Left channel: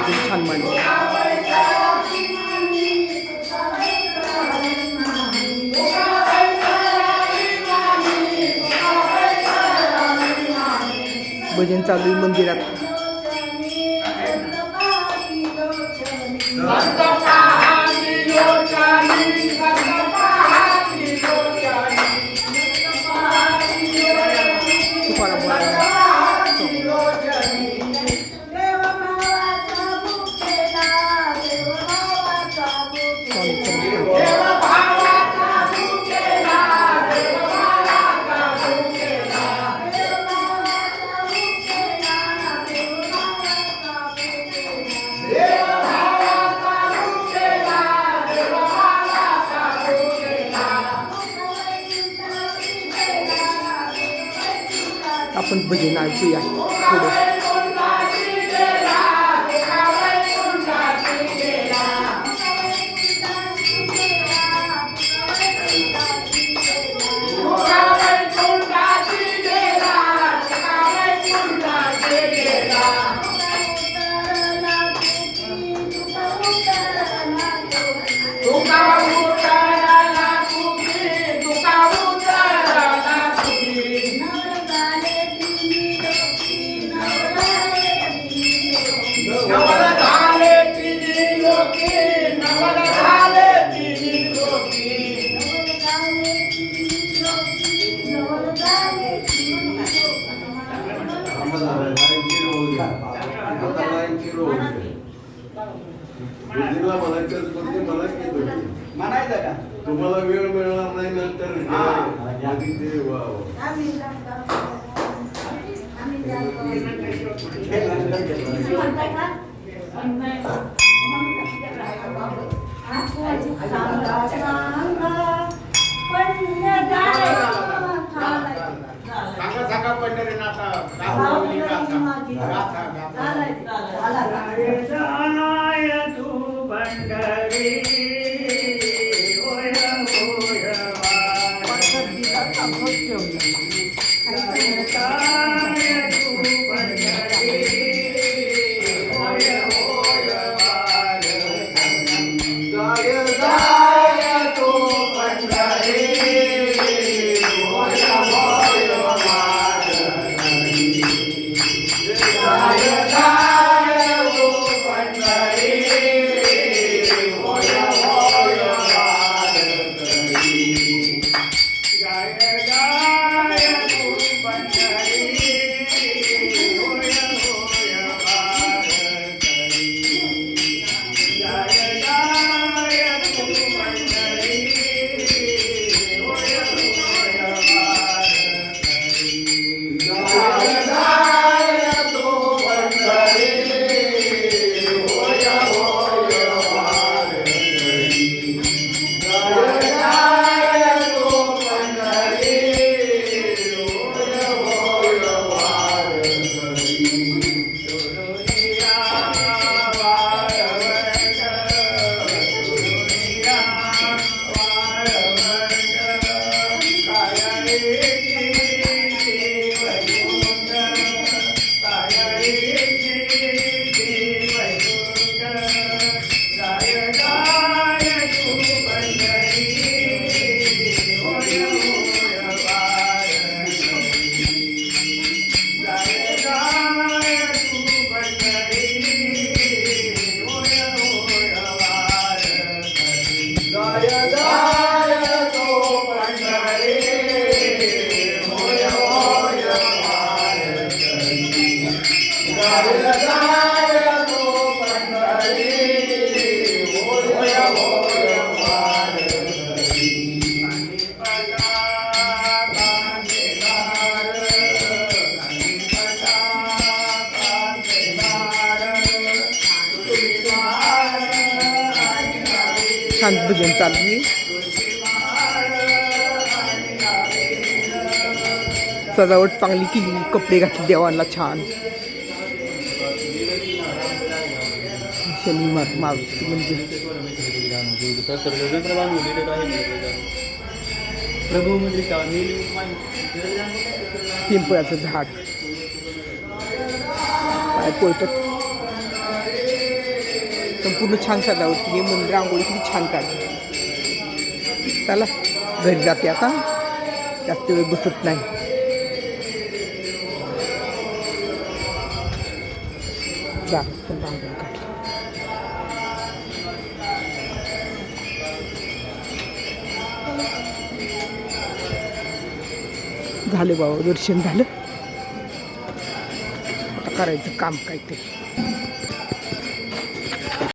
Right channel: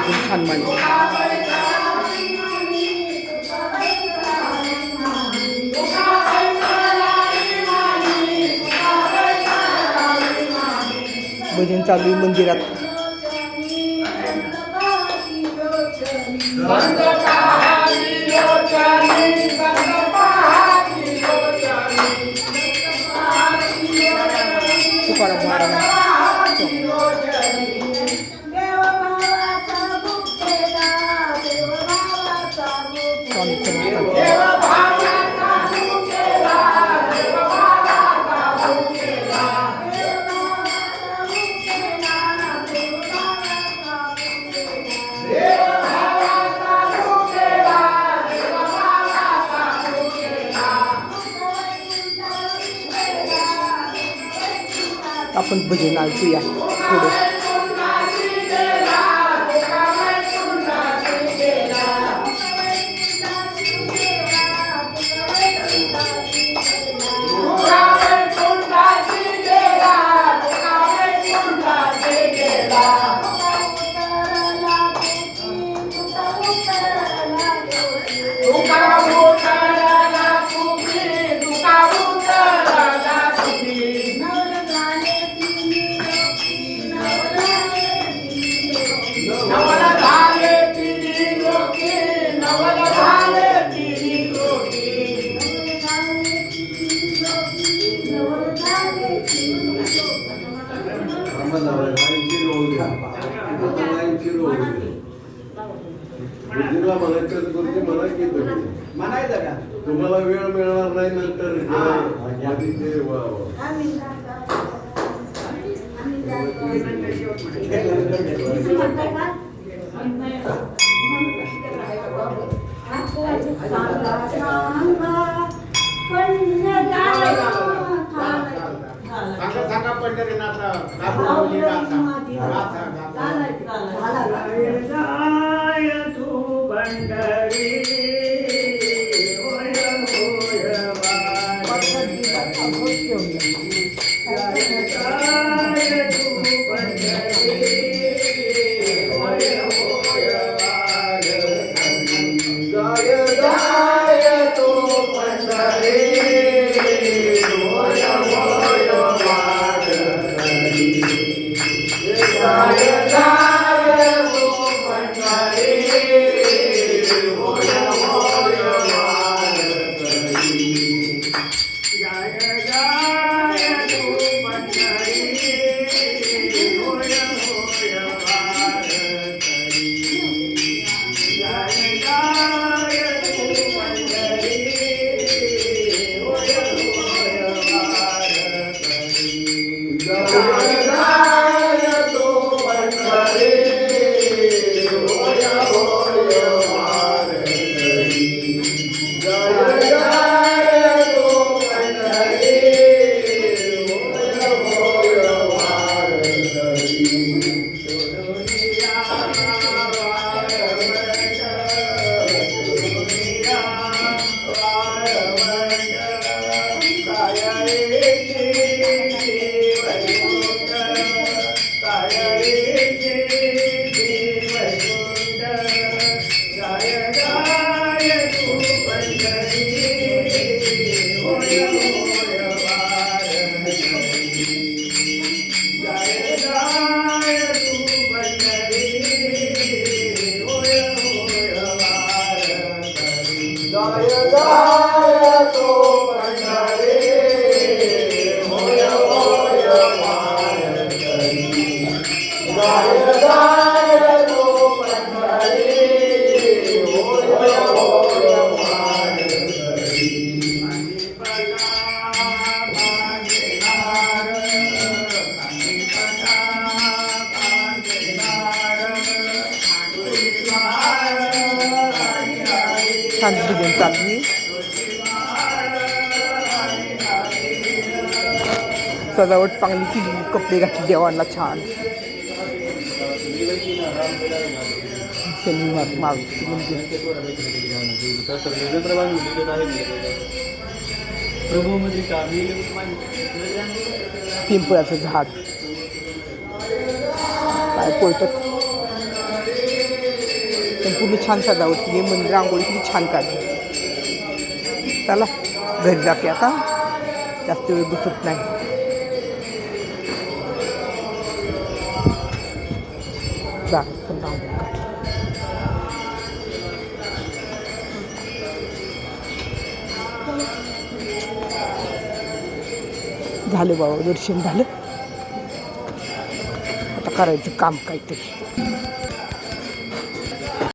एकदम छान मांडली. भजन चालू आहे मंदिरात. तुकाराम महाराज आपण भजन ऐकूया थोडं. तुम्हाला वेळ मिळणार नाही नंतर छान भजन चालू. सजावट चांगली केली, कपडे घातले देवाला छान. शनी मारुती मंदिर. पिंपळाचं झाड काय पोळतात. संपूर्ण छान सजावट केली आहे. मंदिर रांगोळी किती छान काढली. चला घरी जाते आता, जास्त वेळ बसत नाही. दारात पण रांगोळी काढली. झालं बाबा, दर्शन झालं. आता करायचं काम काहीतरी.